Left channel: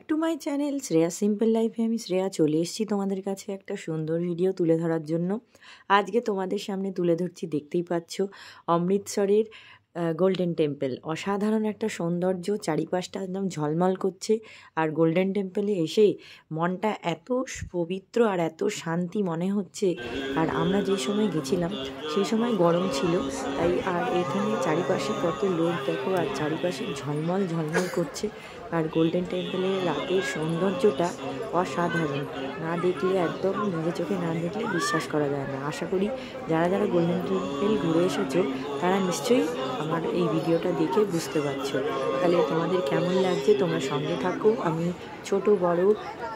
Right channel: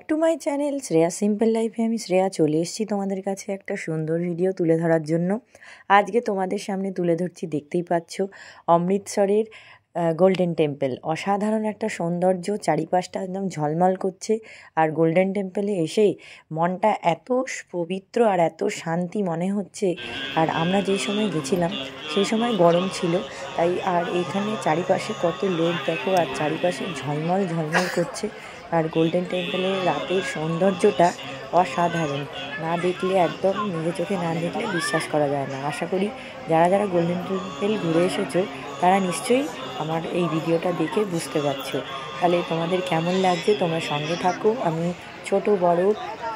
Back to my channel Shreya simple লাইফে। আমি শ্রেয়া চলে এসেছি তোমাদের কাছে একটা সুন্দর ভিডিও তুলে ধরার জন্য। আজকে তোমাদের সামনে তুলে ধরছি, দেখতেই পাচ্ছ, অমৃতসরের গোল্ডেন টেম্পল। অসাধারণ একটা সৌন্দর্য, চারিপাশটা একদম ঝলমল করছে। আর গোল্ডেন টেম্পলে এসে মনটা এত পবিত্র আর এত শান্তি মনে হচ্ছে। আর আমরা যে সময় গেছিলাম সেই সময় গরম ছিল, তাই আর এইখানে চারিপাশে কত লোক দেখো, আর চারিপাশে ঝলমল ঝলমল করছে। আর গোল্ডেন টেম্পলের রাতের সৌন্দর্যটা অসাধারণ, না দেখলে একদম নিজের চোখে না দেখলে বিশ্বাস করা যায় না। আশা করি যারা যারা গোল্ডেন টেম্পল ঘুরে এসেছো তারা নিশ্চয়ই আমার এই ভিডিওটা দেখে বুঝতে পারছো। তাহলে তোমাদের কেমন লাগছে তোমরা সঙ্গে থাকো। আমি ছোট বড়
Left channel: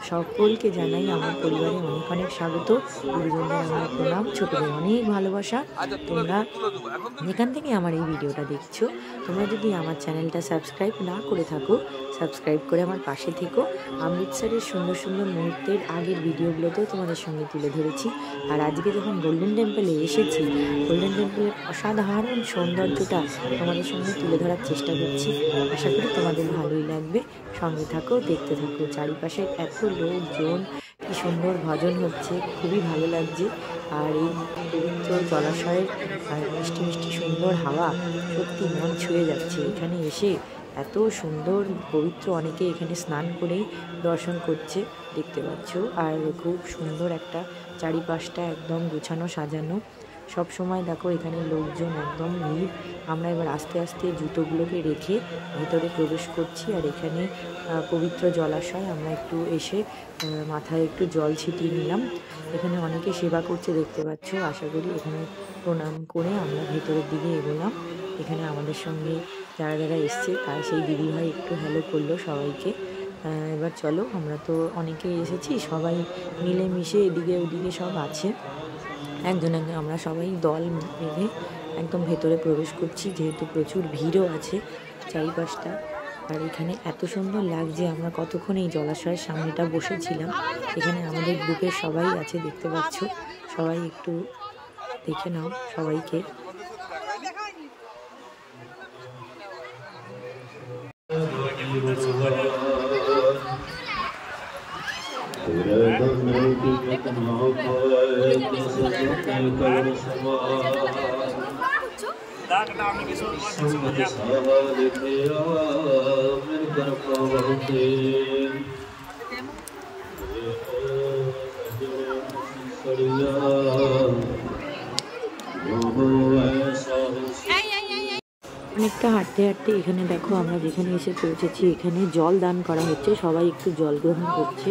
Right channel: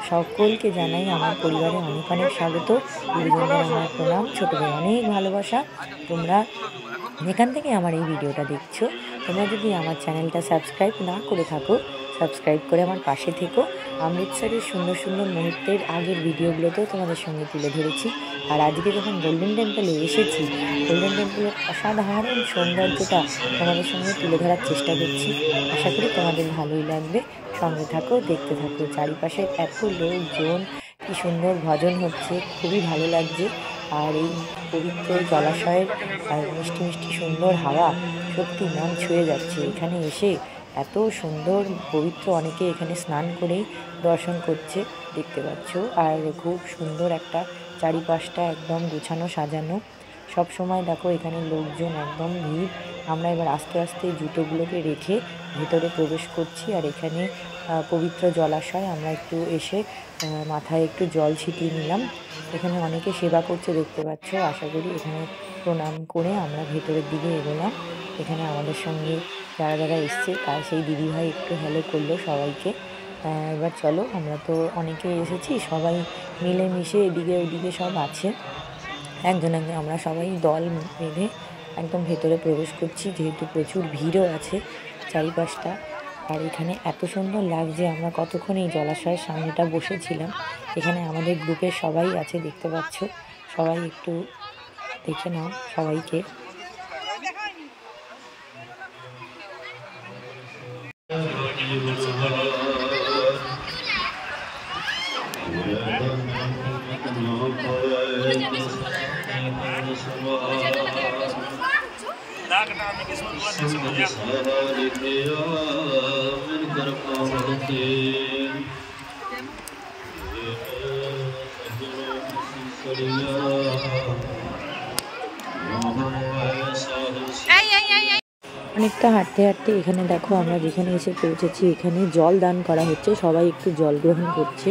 সকলকে জানাই আমার পরিবারে অনেক অনেক স্বাগত। গুরুজনদের আমার প্রণাম, ছোটদের অনেক ভালোবাসা। তোমরা যেখান থেকে আমার এই ভিডিওটা দেখছো, তোমরা যদি আমার চ্যানেলটা সাবস্ক্রাইব না করে থাকো, সাবস্ক্রাইব করে আমার পাশে থেকো। অমৃতসরের সুন্দর সুন্দর মুহূর্তের আগের ভিডিওগুলোতেও তোমাদের সঙ্গে তুলে ধরেছি। আর আজকে যখন গোল্ডেন টেম্পলে এসেছি, গোল্ডেন টেম্পলের অসাধারণ সৌন্দর্যটা তোমাদের সঙ্গে তুলে ধরার চেষ্টা করছি। আশা করি তোমাদের ভালোই লাগবে। সঙ্গে থাকো, দেখতে থাকো। চারিপাশে এত লোকজন, কি সুন্দর ভজন হচ্ছে, খুবই ভালো লাগছে। আর এই পবিত্র জলাশয়ের আর মিষ্টি মিষ্টি সুন্দর হাওয়া সত্যি মন ছুঁয়ে যাচ্ছে। এখানে এসে এত সুন্দর পবিত্র, অনেকে এখানে স্নান করেই দর্শন করছে, দেখতে পাচ্ছ। আর খুব সুন্দর একটা চারিপাশটা একদম গুছানো সাজানো। সব সময় দেখো এখানে লোকজন একদম ভিড়। আমরা এবার আস্তে আস্তে জুতোগুলোকে রেখে ভেতরে প্রবেশ করছি। আর এখানে পবিত্র জলাশয়, আমরা একটু এসে মাথায় একটু জল ছিটিয়ে নিলাম। এখানে অনেকে সেবা করছে, দেখতে পাচ্ছ। আশা করি এখানে প্রণাম করে আমরা ভেতরের দিকে এগোলাম। এখানে আমাদের সঙ্গে যারা যারা এসছে তার সেই দিদিভাই একটু হ্যালো করলো সবাইকে। এবার চলো, আমরা তো অনেকে এসেছি, সবাই মিলেমিশে এদিকে ওদিকে সব আছে, একজন একজন আমরা সবাই দল বেঁধে একদম ভেতরে প্রবেশ করছি, যেহেতু প্রচুর ভিড়ও আছে চারিপাশটা। আর এখানে এত সুন্দর লাগছে। আমরা কতক্ষণ এই জলাশয়ের সামনেটা বসেছিলাম। এখানে আমাদের গ্রুপের সবাই আছে, দেখতে পাচ্ছ। সবাই একটু দেখে নাও সবাইকে। অনেকটা হাঁটতে হাঁটতে এখানে দেখো আমরা যেখানে এসে পৌঁছেছি, এখানে জল দান করা হচ্ছে। সবাই একটু জল গ্রহণ করছে,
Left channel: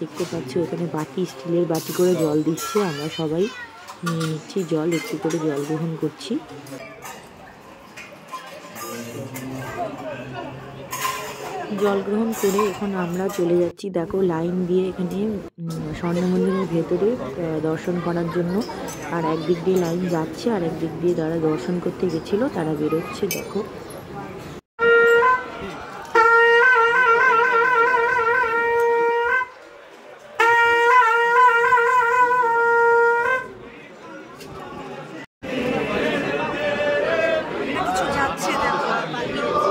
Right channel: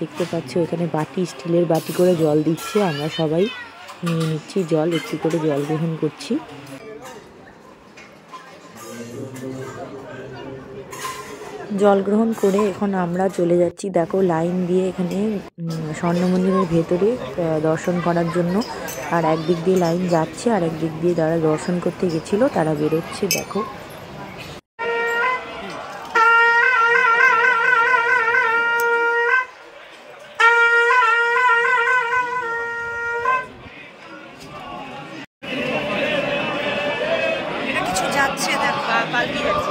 দেখতে পাচ্ছ। এখানে বাটি, স্টিলের বাটি করে জল দিচ্ছে। আমরা সবাই নিয়ে নিচ্ছি জল, একটু করে জল গ্রহণ করছি। জল গ্রহণ করে এখন আমরা চলে যাচ্ছি, দেখো, লাইন দিয়ে এখানে স্বর্ণ মন্দিরের ভেতরে দর্শন করার জন্য। আর একদিক দিয়ে লাইন যাচ্ছে, আর একদিক দিয়ে যারা দর্শন করতে গেছিলো তারা বেরোচ্ছে, দেখো। যাচ্ছে, দেখো, পাল্টি যাচ্ছে।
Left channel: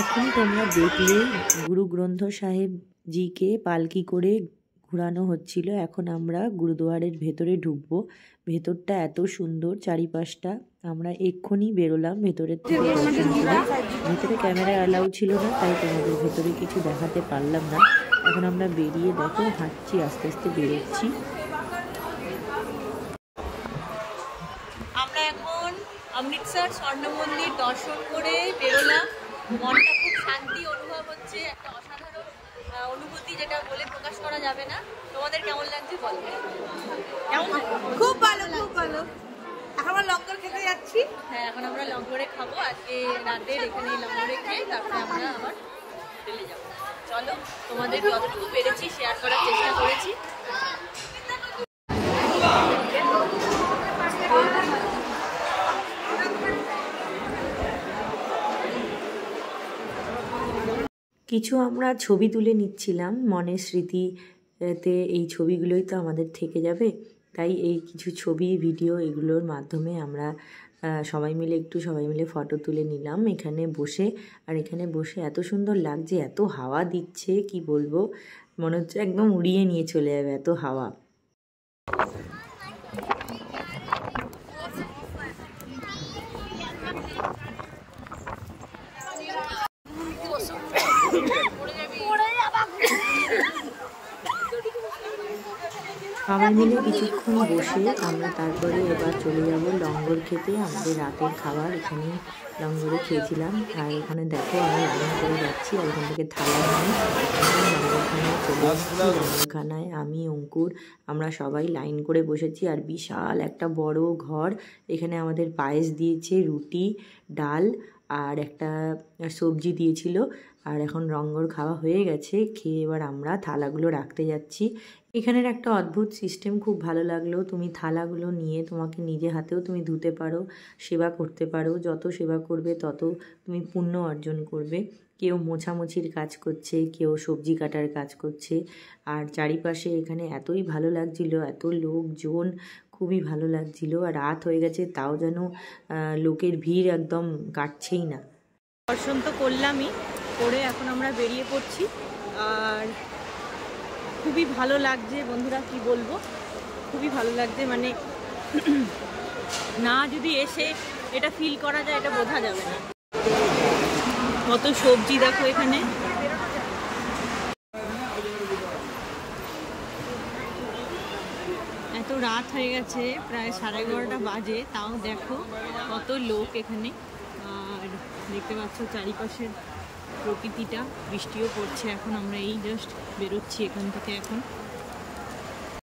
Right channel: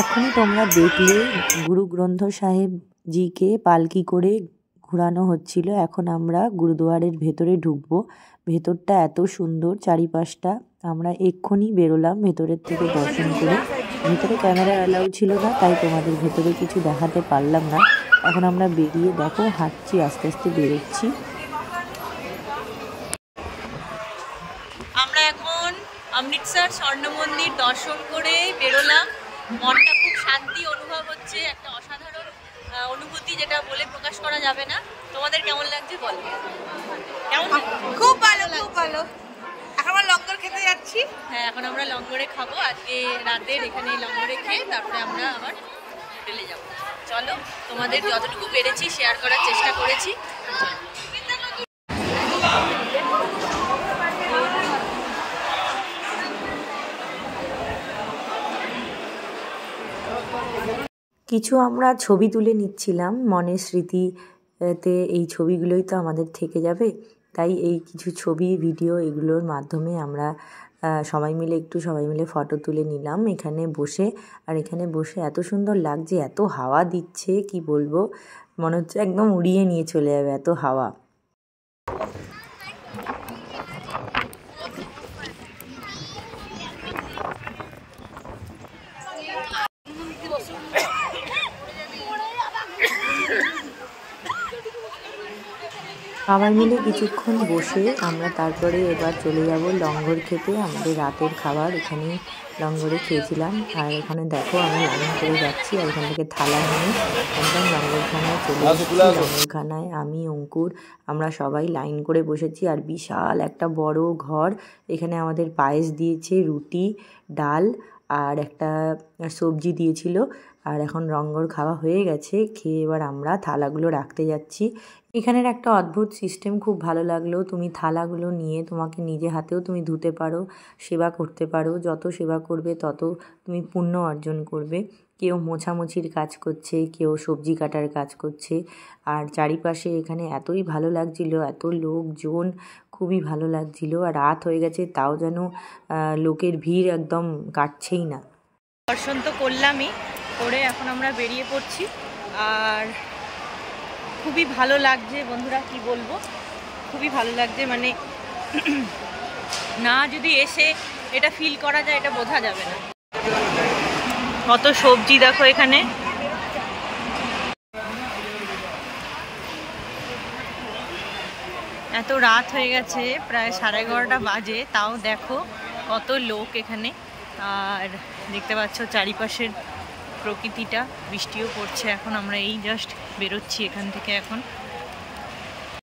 এখন তোমরা দেখলে গুরু গ্রন্থ সাহেব জিকে পালকি করে ঘোরানো হচ্ছিল। এখন আমরা গুরুদুয়ারের ভেতরে ঢুকবো। ভেতরটা এত সুন্দর, চারিপাশটা। আমরা এক্ষুনি বেরোলাম ভেতরের থেকে দর্শন করে। ভেতরে ক্যামেরা অ্যালাউ ছিল না, তাই তোমাদের ভেতরে কিছু দেখাতে পারলাম না। এখন আমরা বেরিয়ে দেখো হাঁটছি, আস্তে আস্তে বেরোচ্ছি। আমরা এখন অমৃতসর স্বর্ণ মন্দির দর্শন করে বেরোলাম। মনটা খুব শান্তি অনুভব হচ্ছে, একটা অসাধারণ অনুভূতি, যেটা বলে প্রকাশ করা যাবে না। তোমাদের কেমন লাগছে বলো? কেমন? খুব ভালো, খুব ভালো। এখন আমরা লঙ্গর খেতে যাচ্ছি। হ্যাঁ, এখন আমরা লঙ্গরে খাবো। আজকে রাতের এখানে লঙ্গরে খেয়ে তারপরে আমরা আবার হোটেলে যাবো। চলো, তোমাদের যতটুকু পেরেছি শেয়ার করার চেষ্টা করেছি। কিছু আমরা ছবি তুলে নিচ্ছিলাম, মনের স্মৃতিতে এই ছবিগুলোই তো আমাদের থেকে যাবে। তাই এই কিছু ছবি, ভিডিও, এগুলোর মাধ্যমে আমরা সবাই মিলে ফটো তুলে নিলাম এখানে বসে। আর এখানে বসে এত সুন্দর লাগছে, এত হাওয়া দিচ্ছে, কি বলবো, মনে হচ্ছে একদম উড়িয়ে নিয়ে চলে যাবে, এত হাওয়া। সবাই মিলে কিছুক্ষণ বসে আমরা তারপরে এবার চলে যাব লঙ্গর খেতে। আমাদের রাতের খাবার এখানে লঙ্গরে খেয়েছিলাম। আর এখানে দেখো আমরা লাইন করে যাচ্ছি, আর এখান থেকে থালা নিয়ে একদম লঙ্গরখানায় চলে এসেছি। লঙ্গরখানায় আমি, অঙ্কুর, আমরা সবাই লাইন করে বসেছি। আর বিশাল একটা বড় ঘর, এখানে আমাদের পায়েস দিয়েছে, রুটি, ডাল আর একটা সবজি দিয়েছিল। আর এখন লঙ্গর খাওয়া হয়ে গেছে, খেয়ে এবার আমরা থালাগুলো রাখতে যাচ্ছি। এখানের একটা অদ্ভুত সিস্টেম খুব ভালো লাগলো। তুমি থালাগুলো নিয়ে তোমাকে নিজে হাতেও তুমি ধুতে পারো, সেবা করতে পারো। যত সেবা করবে তত তুমি পুণ্য অর্জন করবে। কেউ মোছামুছির কাজ করছে, কেউ সবজি কাটার কাজ করছে। আর চারিপাশে এখানে এতই ভালো লাগছিল, এত লোকজন, খুবই ভালো লাগছিল। আর রাত হয়ে গেছে, তাও যেন লোকের ভিড় একদম কাটছেই না। দর্শন তো করলামই, করে এখন আমরা বেরিয়ে পড়ছি। আর খুবই ভালো লাগছে বন্ধুরা, কি বলবো, খুবই ভালো লাগছে। মানে না যদি এসে এটা ফিল করা যায়, এটা বোঝা যাবে না। কত সবজি দেখো এখানে। এত রাত হয়ে গেছে, প্রায় 11:30 বাজে, তাও দেখো কত লোক এখানে। আর দেখতে পাচ্ছ চারিপাশের প্রকৃতিটা, বৃষ্টিও পড়ছে। এখন আমরা এই জাস্ট বেরোচ্ছি এখান থেকে এখন।